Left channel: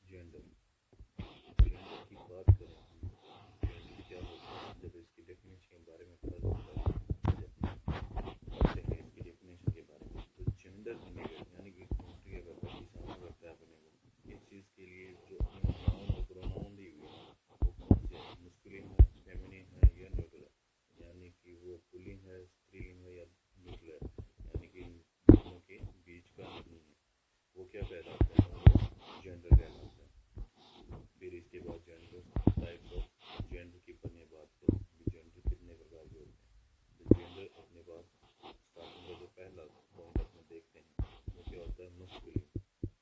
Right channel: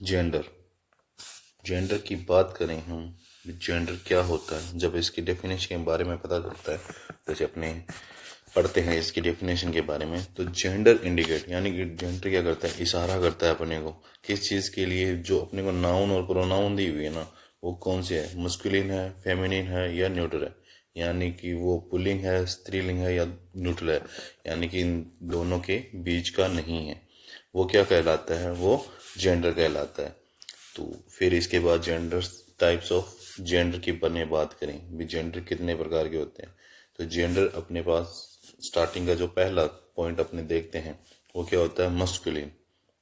Gender gender की बात करें हम, जेंडर क्या होता है, जब इसकी डेफिनेशन के बारे में पता चलता है, जैसे अपने पढ़ते हैं इसकी डेफिनेशन के बारे में, तो जेंडर इंडिकेट यानी कि जेंडर क्या करता है, इशारा करता है अपने को किस चीज़ के लिए, जो अपने को नाउन और प्रोनाउन दी हुई है ना, वो कौन सी है, मस्कुलिन है, फेमिनिन है या न्यूट्रल है। यानी कि वो पुल्लिंग है, स्त्रीलिंग है या न्यूट्रल है, यानी कि इन दोनों के बीच का नहीं है, वो क्या कहलाता है, वो जेंडर कहलाता है। तो फिर इसके बाद जेंडर टाइप्स ऑफ जेंडर की बने बात करें भी, जेंडर कितने प्रकार के होते हैं। तो जेंडर अपने पास स्टार्टिंग का जो पहला पॉइंट अपने देखते हैं वो क्या होता है, मस्कुलिन।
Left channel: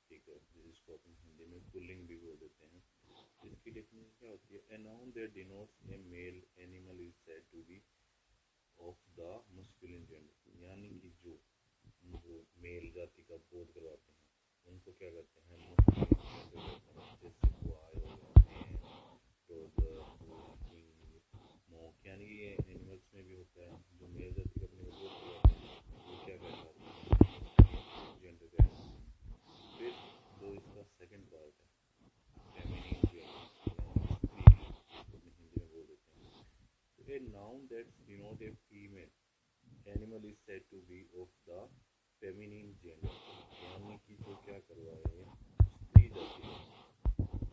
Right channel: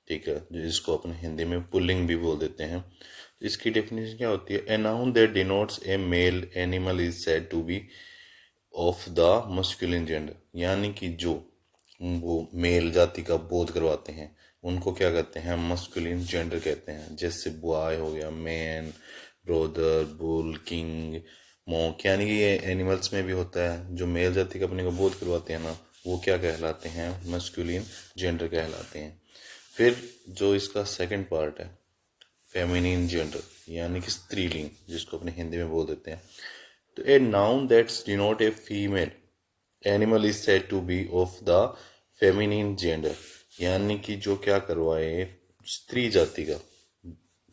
ठीक है, जिसको अपने हिंदी में पुल्लिंग भी बोल देते हैं। इसकी डेफिनेशन क्या होती है, a noun that denotes a male animal is said to be of the masculine gender. यानी कि जो वो मेल जाति का बोध करवाते हैं उनको क्या कहते हैं, मस्कुलिन जेंडर कहते हैं। जैसे बॉय हो गया, man, brother, bull, king, monk, यानी कि ये एनिमल्स में भी होता है। जो मेल जाति का अपने को बोध करवाते हैं ना, वो क्या कहलाते हैं, मस्कुलिन जेंडर कहलाते हैं। फिर जो इसका सेकंड पार्ट है, फेमिनिन जेंडर यानी कि स्त्रीलिंग, जिसको अपने हिंदी में बोल देते हैं। तो a noun that's denote a female animal is said to be of the feminine gender. यानी कि जो क्या करवाए, स्त्री जाति का,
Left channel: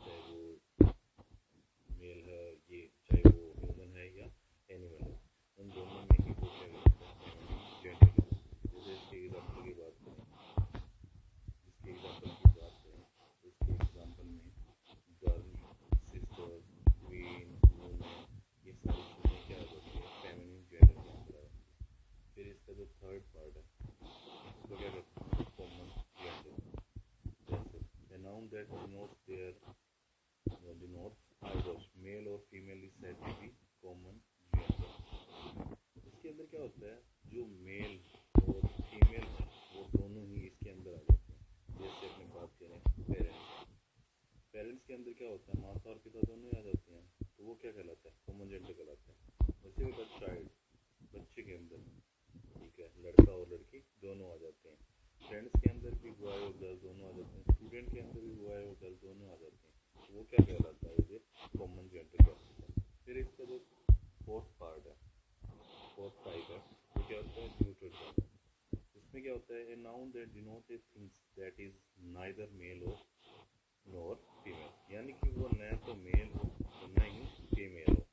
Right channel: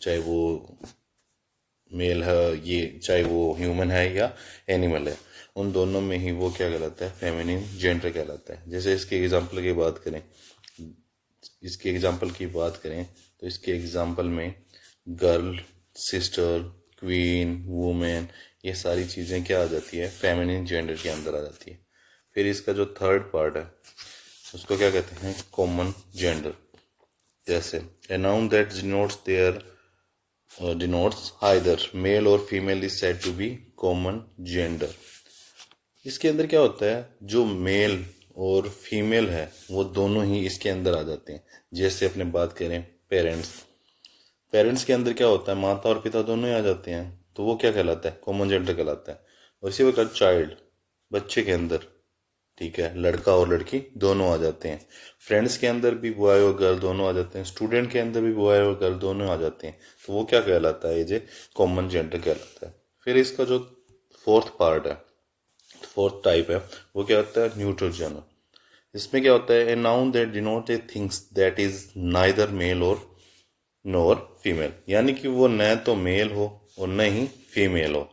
चाहे वो मेल है, ये चाहे वो ह्यूमन है या एनिमल है, उन दोनों में ही वो क्या कहलाता है, फेमिनिन जेंडर कहलाता है। जैसे इसके एग्जाम्पल की बात करें तो इसके एग्जाम्पल में गर्ल, सिस्टर, क्वीन, वुमेन, ये सारी चीज़ें क्या आ जाती है, फेमिनिन जेंडर के अंदर आ जाती है। फिर इसका जो थर्ड पार्ट है उसको क्या कहते हैं, कॉमन जेंडर। जैसे a noun that denotes either male और female is said to be common gender. इसके अंदर क्या होता है, जो मेल और फीमेल है वो दोनों ही इसके अंदर आ जाते हैं। जैसे अपने बात करें पेरेंट्स, पेरेंट्स के अंदर क्या होता है, माता और पिता दोनों ही आ जाते हैं, तो वो क्या कहलाता है, कॉमन जेंडर कहलाता है। और इसी प्रकार चाइल्ड, बच्चे के अंदर, ठीक है, लड़का और लड़की दोनों आ जाते हैं। फ्रेंड्स के अंदर भी बॉय और गर्ल दोनों आ जाते हैं, स्टूडेंट के अंदर भी बॉय और गर्ल दोनों आ जाते हैं, तो वो क्या कहलाता है, ये जो कॉमन जेंडर कहलाता है। फिर इसका जो फोर्थ पार्ट है, फोर्थ टाइप है, वो क्या होता है, न्यूट्रल जेंडर। इसमें क्या होता है, a noun that denote a things that is neither male और नॉर फीमेल। यानी कि वो न तो मेल हो और न ही फीमेल हो,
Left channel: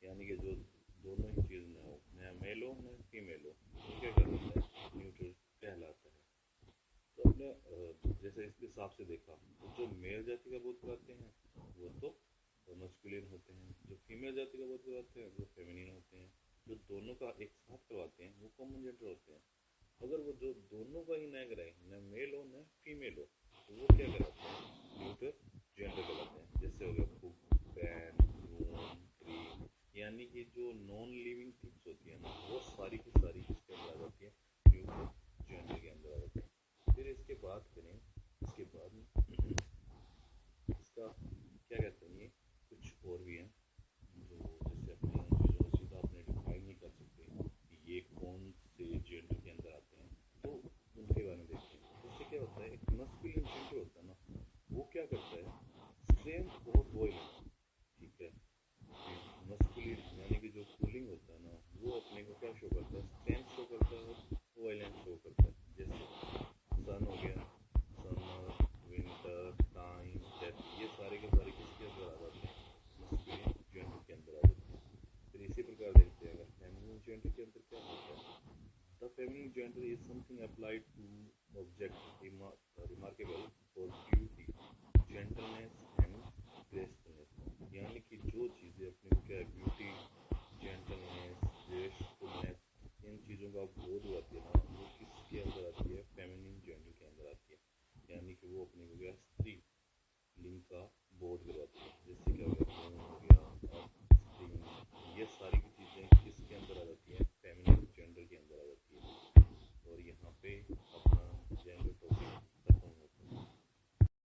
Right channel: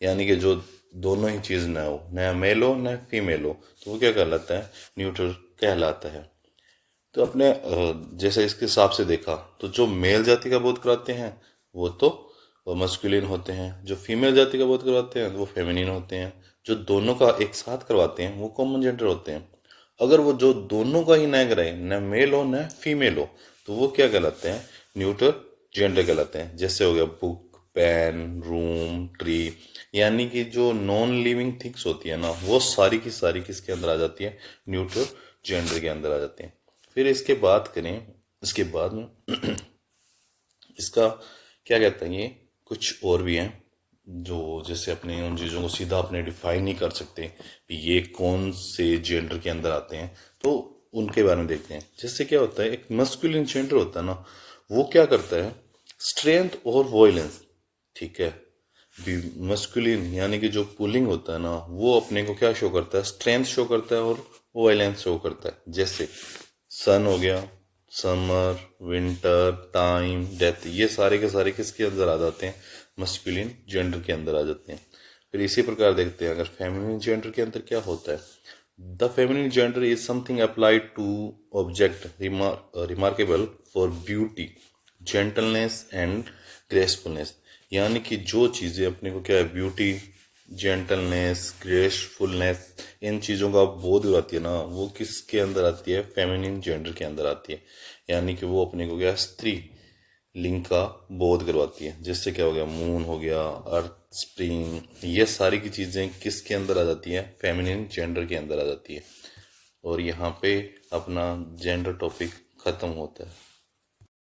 यानी कि जो दोनों ही चीज़ न हो, न मेल हो न फीमेल हो, तो वो क्या कहलाता है, न्यूट्रल कहलाता है। तो अपने जैसे इसके हिसाब से देखा तो जो मेल जाति का बोध कराते हैं वो तो मस्कुलिन होते हैं, जो फीमेल जाति का बोध करवाते हैं वो फेमिनिन होते हैं, जो दोनों का एक साथ करवाते हैं वो कॉमन जेंडर होते हैं। अगर वो जो दोनों का ही न कराए, न मेल हो न फीमेल हो, तो वो क्या कहलाते हैं, न्यूट्रल जेंडर कहलाते हैं। जैसे हो गया बुक, पेन, रूम, ट्री, यानी कि जो नॉन लिविंग थिंग्स होती है ना, वो सारी की सारी किसके अंदर आ जाती है, न्यूट्रल जेंडर के अंदर आ जाती हैं। फिर इसके बात करें, इसके बाद में इसका क्या कहते हैं, ये कुछ और भी हैं जो जैसे अपने उन चीज़ों को सीधा अपने डिफाइन नहीं कर सकते कि ये कौन से जेंडर के अंदर आते हैं, तो उनके बारे में देखते हैं। जैसे क्या होता है, एक मस्कुलिन जेंडर होता है ना, वो क्या करता है, स्ट्रेंथ और वॉयलेंस, ठीक है। मस्कुलिन यानी कि जो पुलिंग होता है ना, वो अपने को क्या शो करता है, स्ट्रेंथ शो करता है और वॉयलेंस शो करता है। जैसे सन हो गया, समर, विंटर, टाइम, डेथ, ये सारे के सारे किसके अंदर आ जाते हैं, मस्कुलिन जेंडर के अंदर आ जाते हैं। फिर इसी प्रकार देखते हैं अगर फेमिनिन जेंडर के अंदर क्या होता है, the feminine gender is something applied to object remarkable for beauty, gentleness and gracefulness. यानी कि जो चीज़ें अपने को क्या है, ब्यूटी, जेंटलनेस, ग्रेसफुलनेस, इन चीज़ों का बोध आती है ना, वो किसके अंदर आती है, फेमिनिन जेंडर के अंदर आती है। यानी कि वो अपने को क्या, स्त्री लिंग का बोध करवाती है। जैसे क्या हो गया, मून हो गया, अर्थ, स्प्रिंग, ये सारी की चीज़ें किसके अंदर आ जाती हैं, फेमिनिन जेंडर के अंदर आ जाती है। और यहाँ पे अपना जेंडर टॉपिक ख़त्म होता है।